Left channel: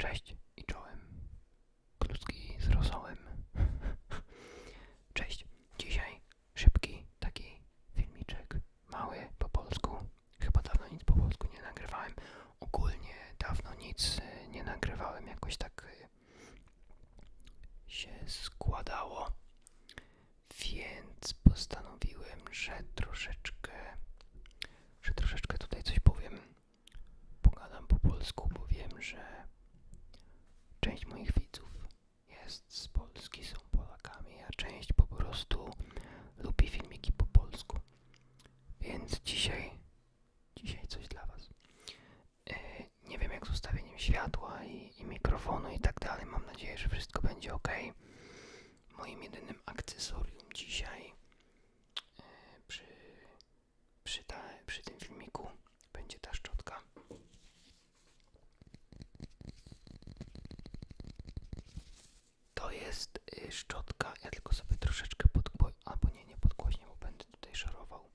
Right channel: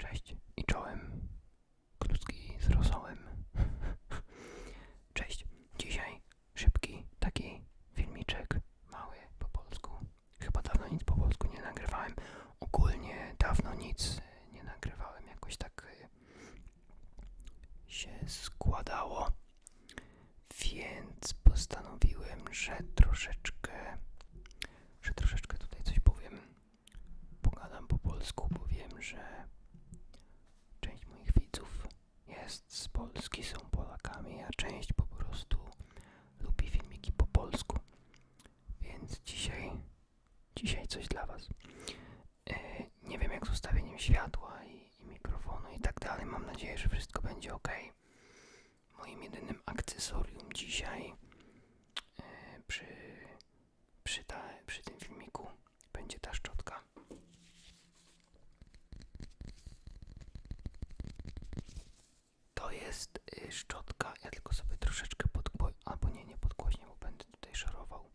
Cześć i czołem. Kluski z rosołem. Cześć. Dzisiaj szybki taki filmiczek, mały po polsku. Chyba dawno nic po polsku nie nagrywałem. Ogólnie dawno nic y, nie nagrywałem. Jakoś tak y, się składało. Więc postanowiłem, że troszeczkę, że troszeczkę tutaj coś powiem. Pogadam po polsku, bo wiem, że część moich widzów jest z Polski, są Polakami, a część po prostu lubi filmiki po polsku. Więc dzisiaj, dzisiaj coś dla Was. E, nie wiem jak z ustawieniem światła i, i mikrofonu i tak dalej. Mam nadzieję, że wszystko będzie ok. Moim jedynym akcesorium dzisiaj e, przy, przy, ta, przy tym filmiku będzie ta szczotka. To jest y, szczotka, ja tylko sobie troszeczkę podgłośnię, albo nie, nie podgłośnię, bo będę tutaj szorował.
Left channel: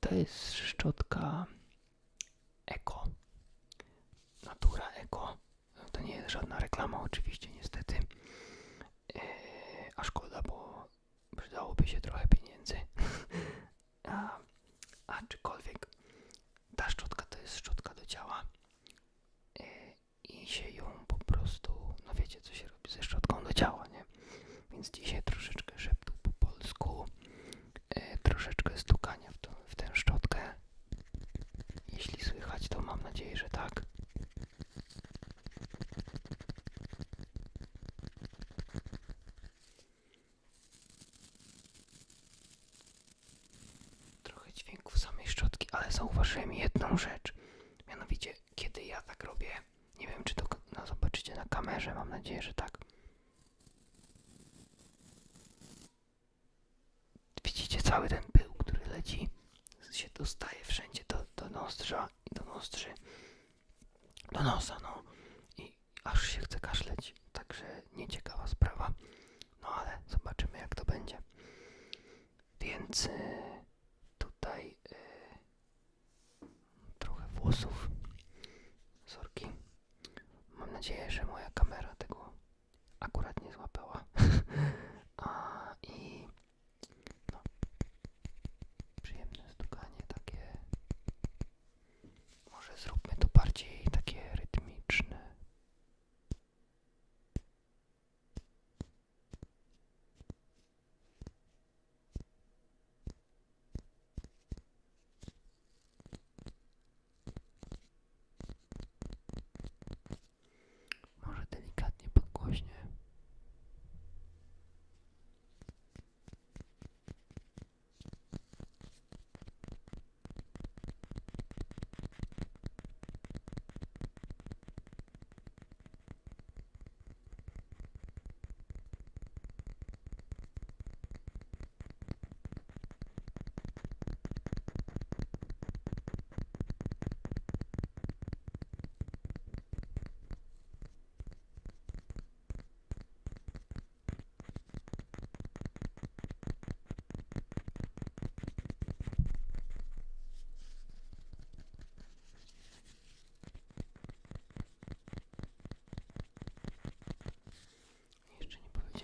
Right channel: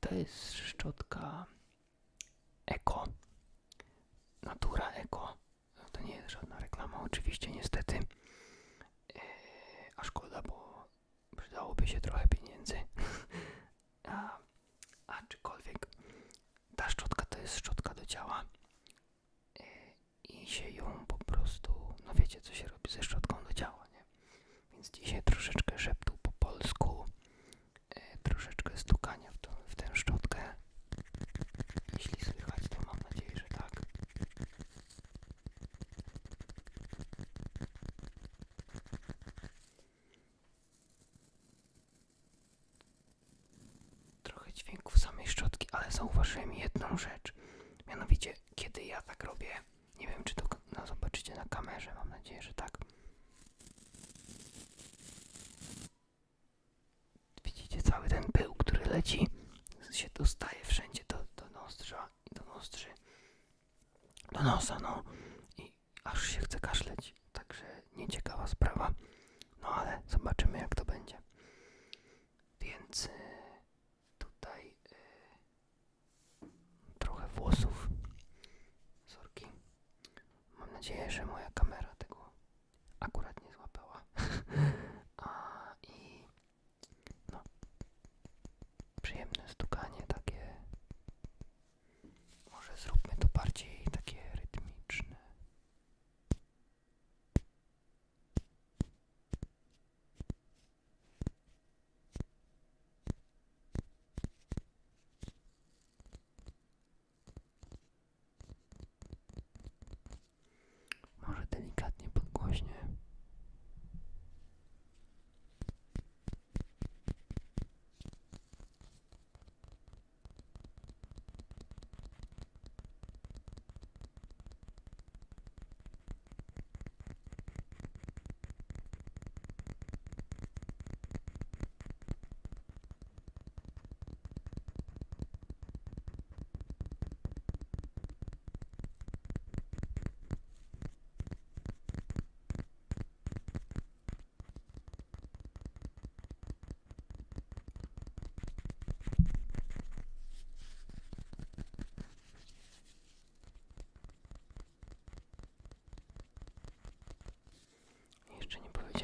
To jest szczotka Eko. Natura Eko. To nie jest żadna reklama, oczywiście, niestety. Yy, a szkoda, bo przydałoby się trochę pieniędzy. a, aczkolwiek ta szczotka to jest szczotka do ciała. Yy, I się ją po prostu, no wiecie co się robi ze szczotką do ciała, nie? Więc dzisiaj troszeczkę szeptu po polsku, yy, troszeczkę stukania w, tą, w tę szczotkę. Jeśli słychać, to mam nadzieję, że tak. Trochę dźwięków samej szczotki, ale zauważyłem jedną rzecz. Mianowicie, kiedy ja tak robię, nie wiem czy to no, zobaczycie na kamerze, mam nadzieję, że tak. Widzicie cały ten pył, który leci, się dostaje wszędzie do, do nozdrza i do nozdrzy, do nosa, no i aż się chce kaszleć. Także nieciekawa sprawa. No ale zobaczymy jak to będzie. Więc y, tutaj włosów. Sorki. Mam nadzieję, że moja kamera tego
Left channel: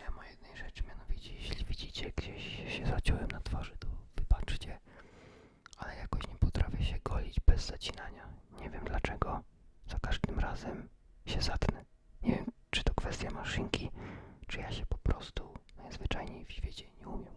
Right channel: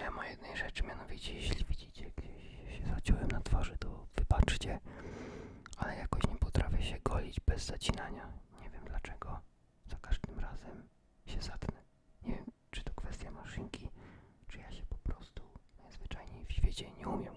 Powiedziałem o jednej rzeczy, mianowicie jeśli widzicie gdzieś się zaciąłem na twarzy, to wybaczcie, ale jakoś nie potrafię się golić bez zacinania. Nie wiem dlaczego. Za każdym razem się zatnę. Nie wiem, czy to kwestia maszynki, czy ja się po prostu najzwyczajniej w świecie nie umiem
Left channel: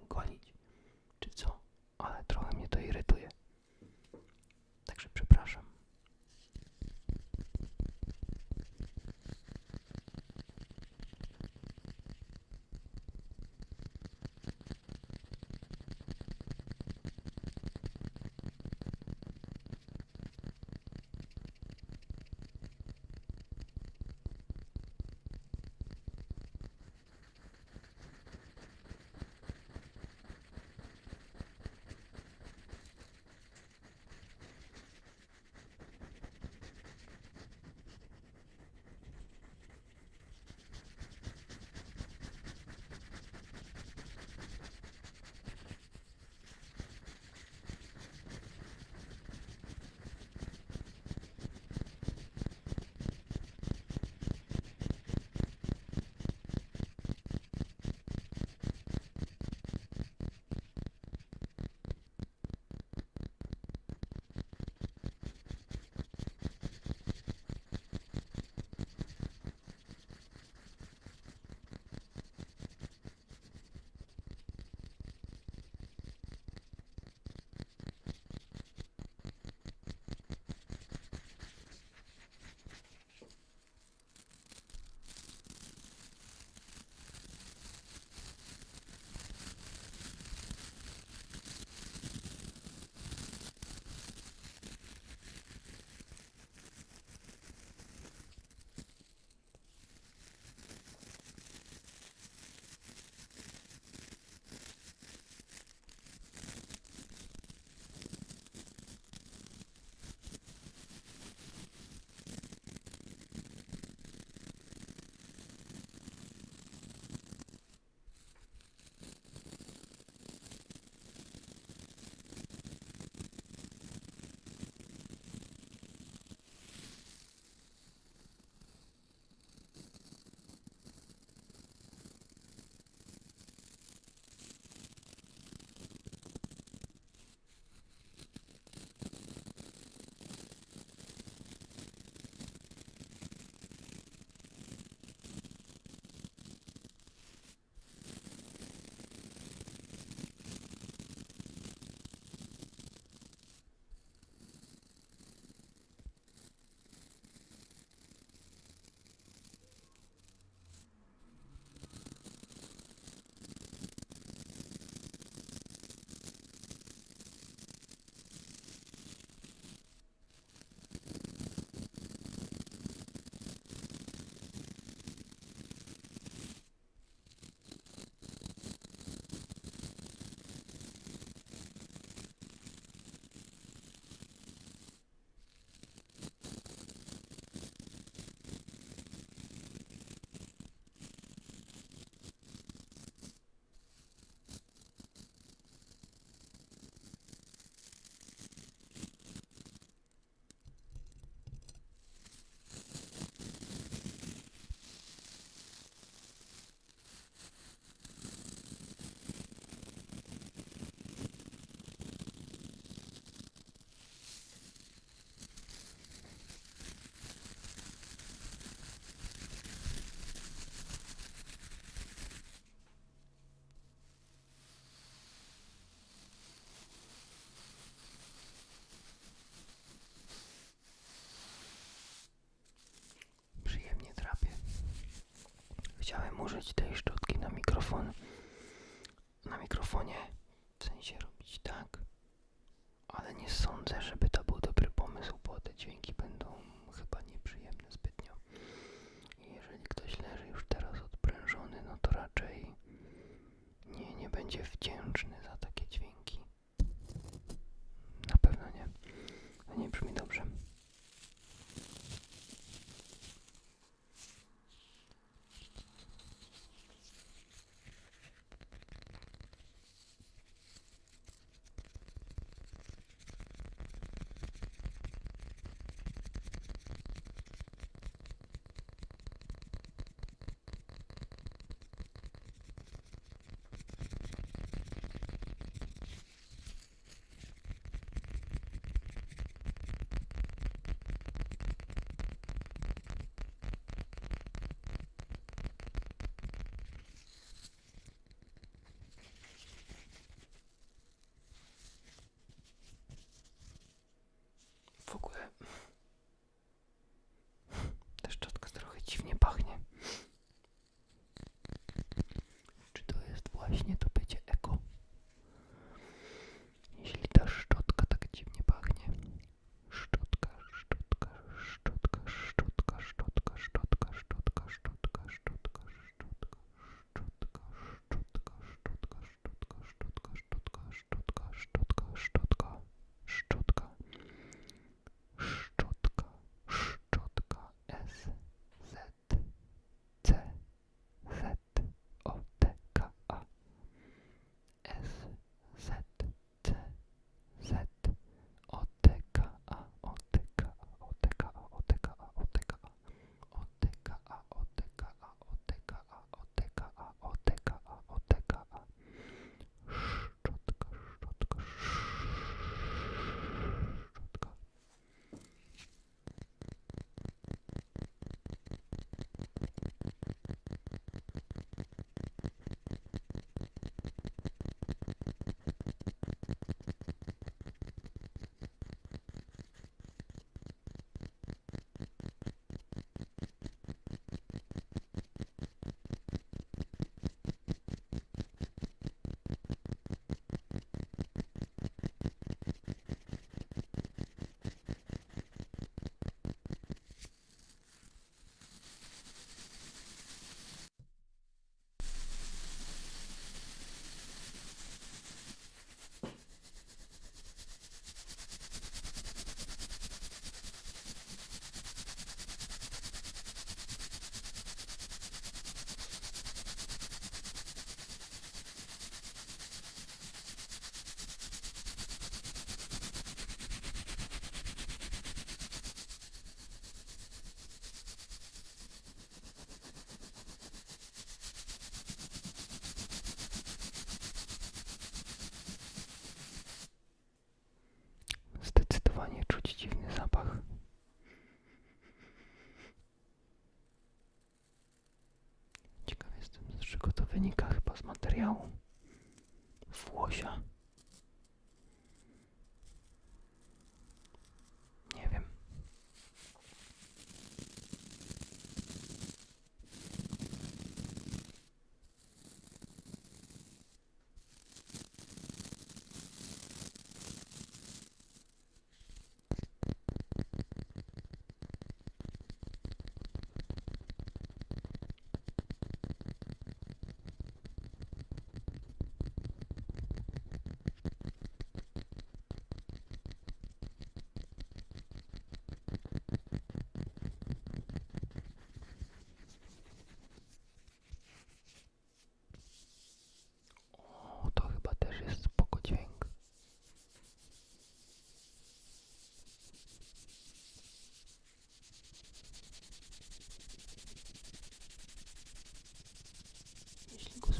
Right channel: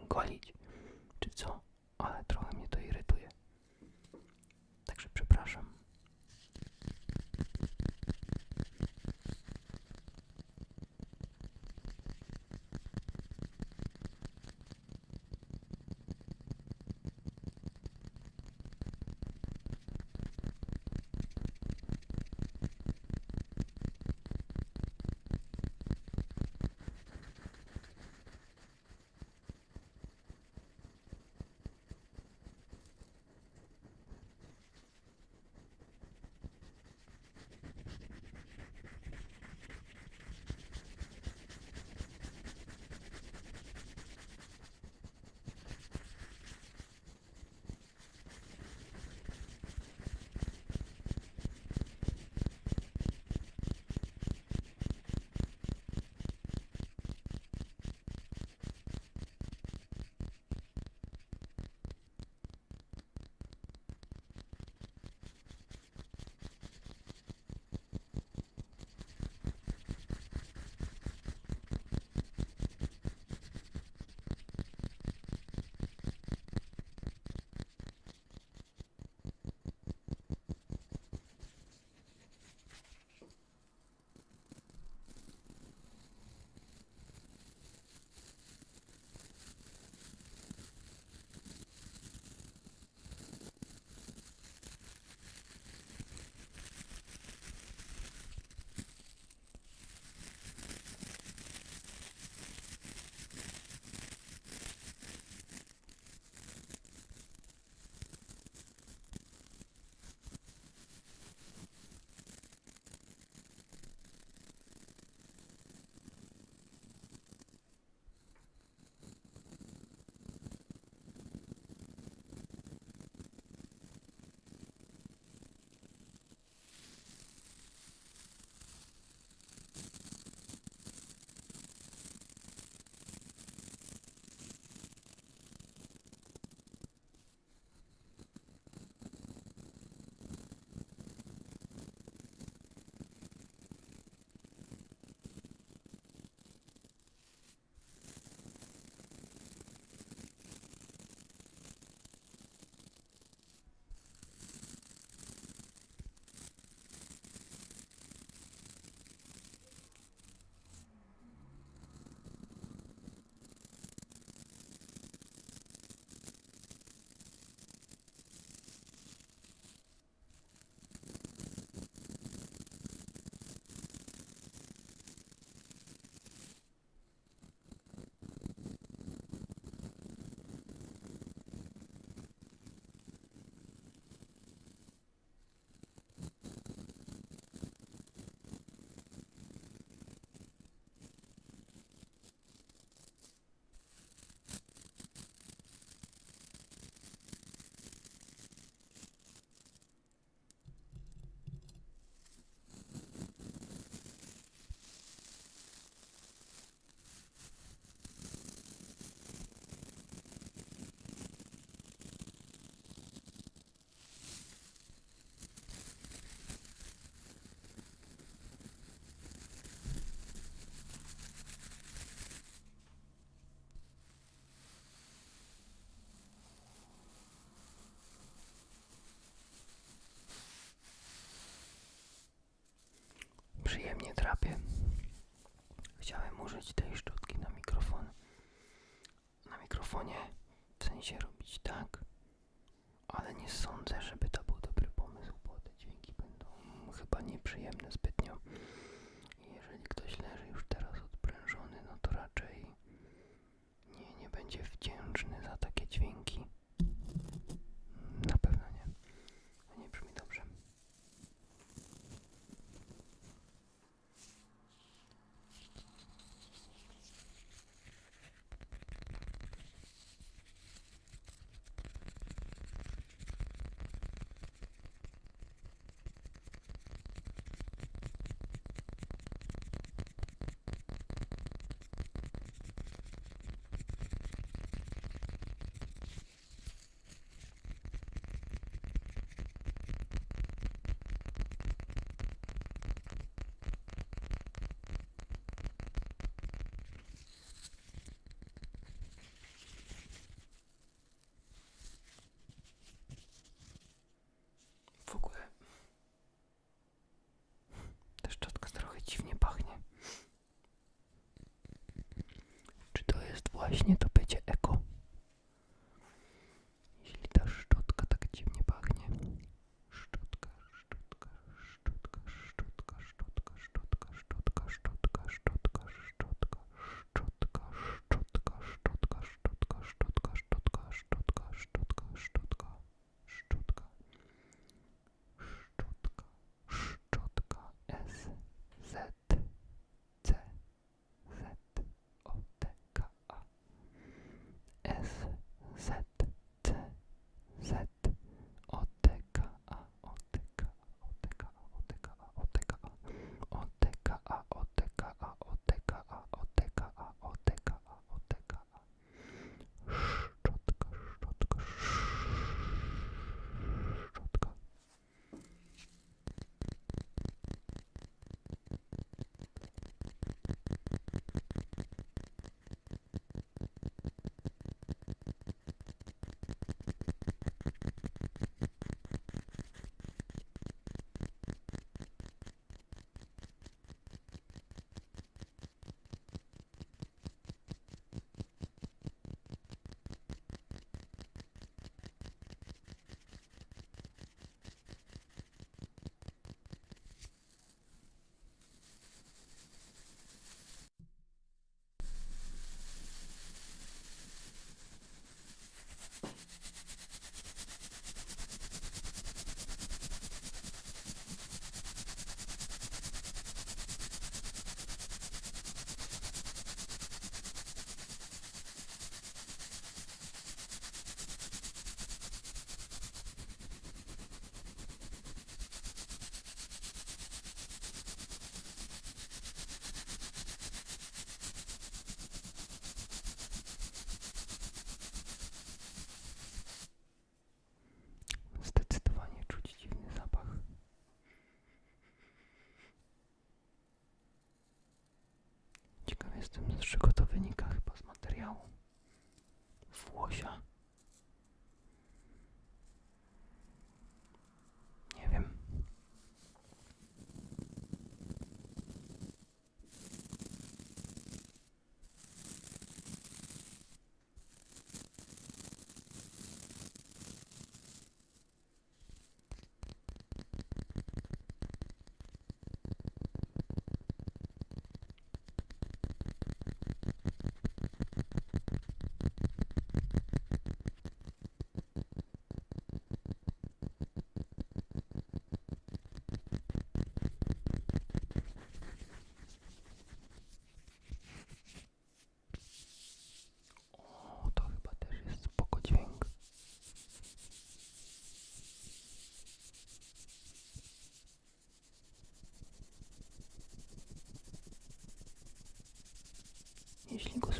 sobie. Chciałem użyć tej szczotki na mikrofon. Na mikrofonie w sensie robić tak, ale nie sądzę, żeby to był dobry pomysł, bo te dźwięki będą chyba nieprzyjemne zbytnio. I jeżeli ktoś leży już teraz odprężony, no to raczej nie, nie będzie wdzięczny za takie dźwięki. пришли, господи.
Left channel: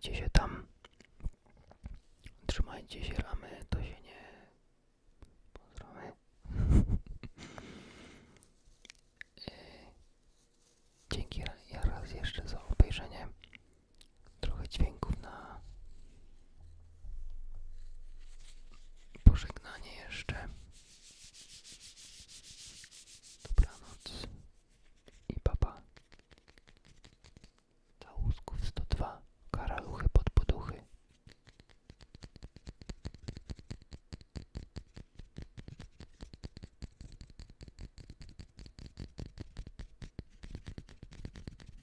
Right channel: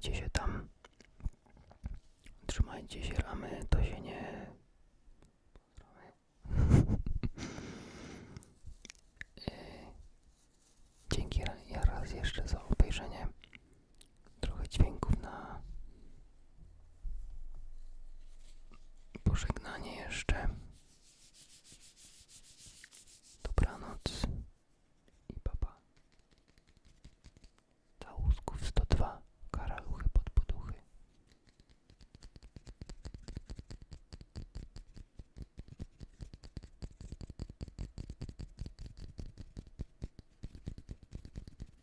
trzymajcie się tam. Trzymajcie się ramy, to się nie... Pozdrawiam. E, dzięki ja raz jeszcze za obejrzenie. Trochę dźwięku.